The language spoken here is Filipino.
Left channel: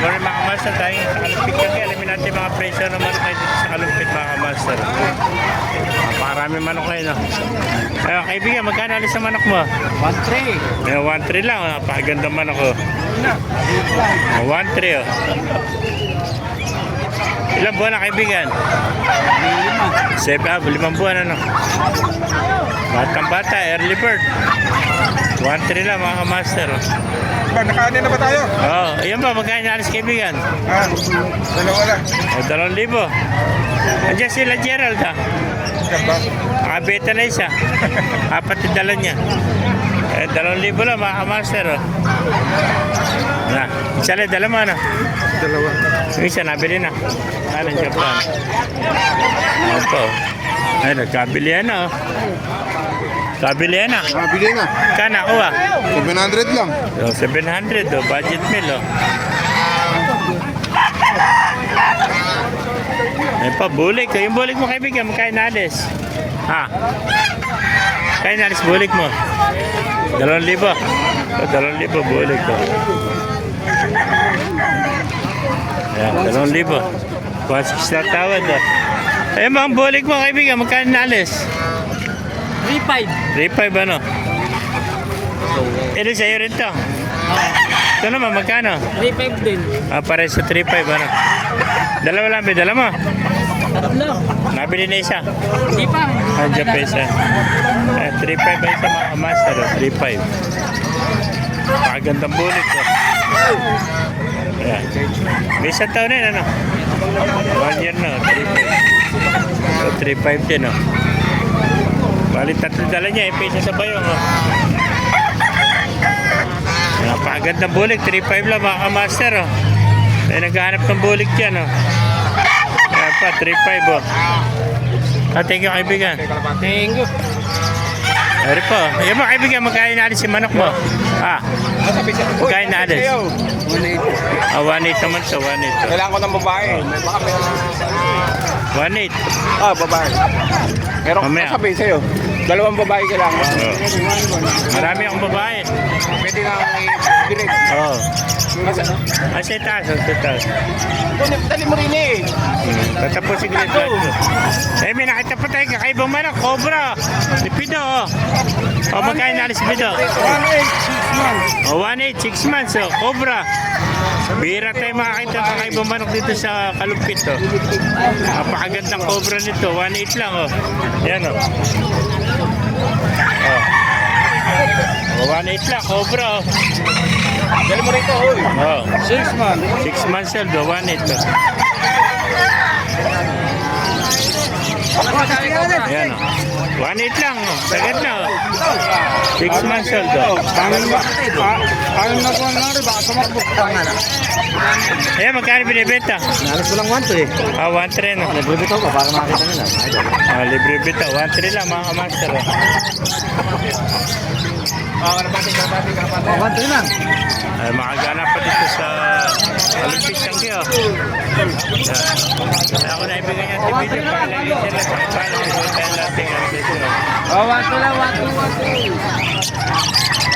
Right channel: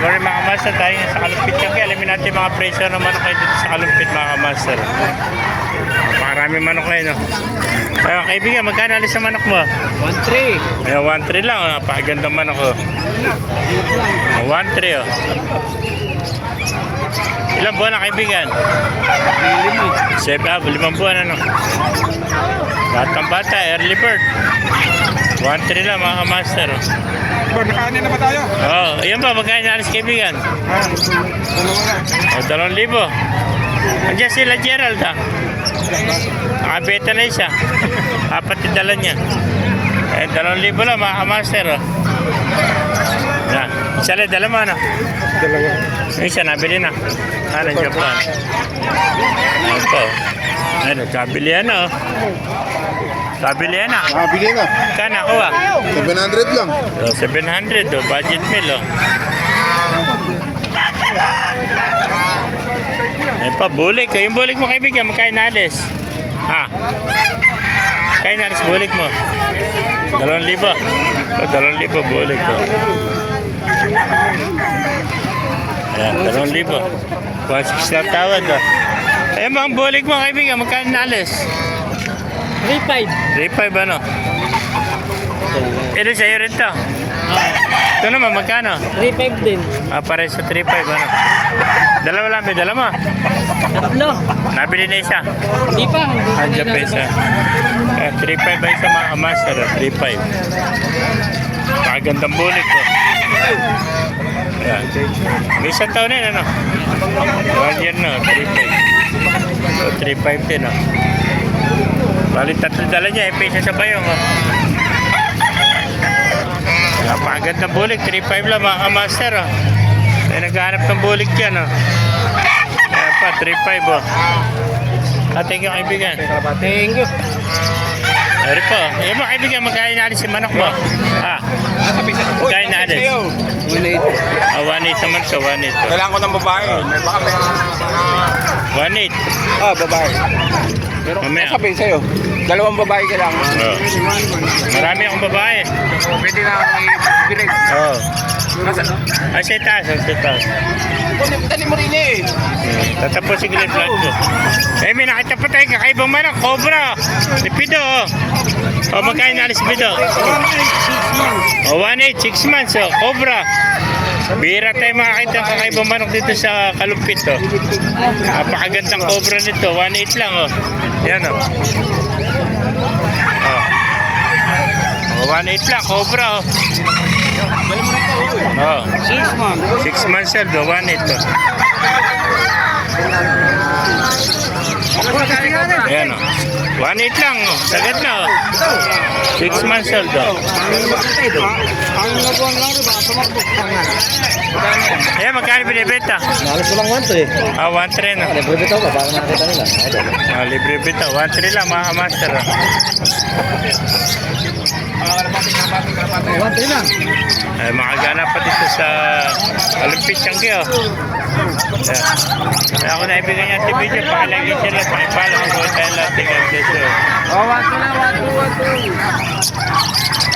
morning mga master, tayo sa Kalumpit kaya alamin natin mga presyo ng manok kayo dito sa Kalumpit mga master. Marami manok kayo, no? Ayun, kaibigan, magkano alis sa manok mo? 1-3. Ayun, 1.3 lang, napakaganda manok ko. 1.3 oh. Ilang buwan na kaibigan? 5 buwan ano? Batang bata, early bird. 1.3 lang mga master. Nakaano na ba tayo? Oo, ayan ba, magkano na alis kaibigan? O, 2,000. Andiyan sila Gerald ha? Nakabeta na isa. Apat yung dala niya. 2,000 lang mga master. Isa lang, dala mo ano? Dalawa. Isa nabili na. Kanan Japan. Ito. Ano, kabili ano. Kabili na. Nabili na. Kana ko 700 lang. 700 oh, budget meal oh. Yan pa, bulik. Yung bulik mo kaibigan, magkain na alis. Ha? Kain na alis bulik mo. 2,000. O, 2,000 bulik ko. Yan, 2,000. 1,600 na tawad oh. Ayun ba ang bulik mo kaibigan, magkain na alis? 3-5. 3.5 ano? Ito sa'yo rin to. Ito naman, magkano? 3-5 din. Pare sa 3.5 ano? Dalawa lang, may dala mo. Tatlo. Nabili na isa. Hindi pa. Andiyan pa isa. 3.5 ba isa mga master? 3.5. Pakagandang bulik ko. Ayan. May isang taon na yun ano? 1 year na, 3.5. 3.5 din oh. Bali tatlo dala niya, pesa sa bayong oh. Napakagandang bulik, 3.5 lang mga master oh. Ay naghahanap ng bulik yan oh. Ayan pa, 3.5 oh. Thank you kaibigan. Thank you. Ari po, yung mga kaibigan, magkain na alis si manok mo. Magkain na alis. 1.8 naman siya, 1.8 Kailangan ko ng babae. May baka may 1.8. babae. Pero Mamaya. sabihin sa'yo, 2 babae kailangan. Oh. Marami akong babae. Pwede na i-direct. Oo. Ay, sa taas, sa taas. Dali mo rin eh. Tatapos si Glenn Vlog ko. Eh, may nakita pa tayo kakaibang manok, cobra. Lipido, oh. O, magkain na alis lipido. O, 1.8, 6 months, oh. Cobra. Bira tayo makakita ng kakaibang manok dito sa Kalumpit, oh. Napakagandang cobra nito, 1.8 lang, oh. Yan, oh. Oh. 1.8 lang, cobra, oh. Dali mo rin ito. Oh. 6 months. 6 months old, 1.8, oh. Ayan o. 1.8 lang o. Sagad na o. 6 months old o. Ayan, magkano binibenta? Nalas ko lang 1 eh. 1.3 no. Libre bitaw ka, baka makita nila. Libre bita. 1.3 lang mga master o. Kalapati. 1 lang. Ay, makagana pa dito sa Kalumpit Changi o. Ayan. Kaya ako naibigay niya si video. Pakilagay sila. Pakipala. Kaya natin ang dito. 1 lang, 1 2.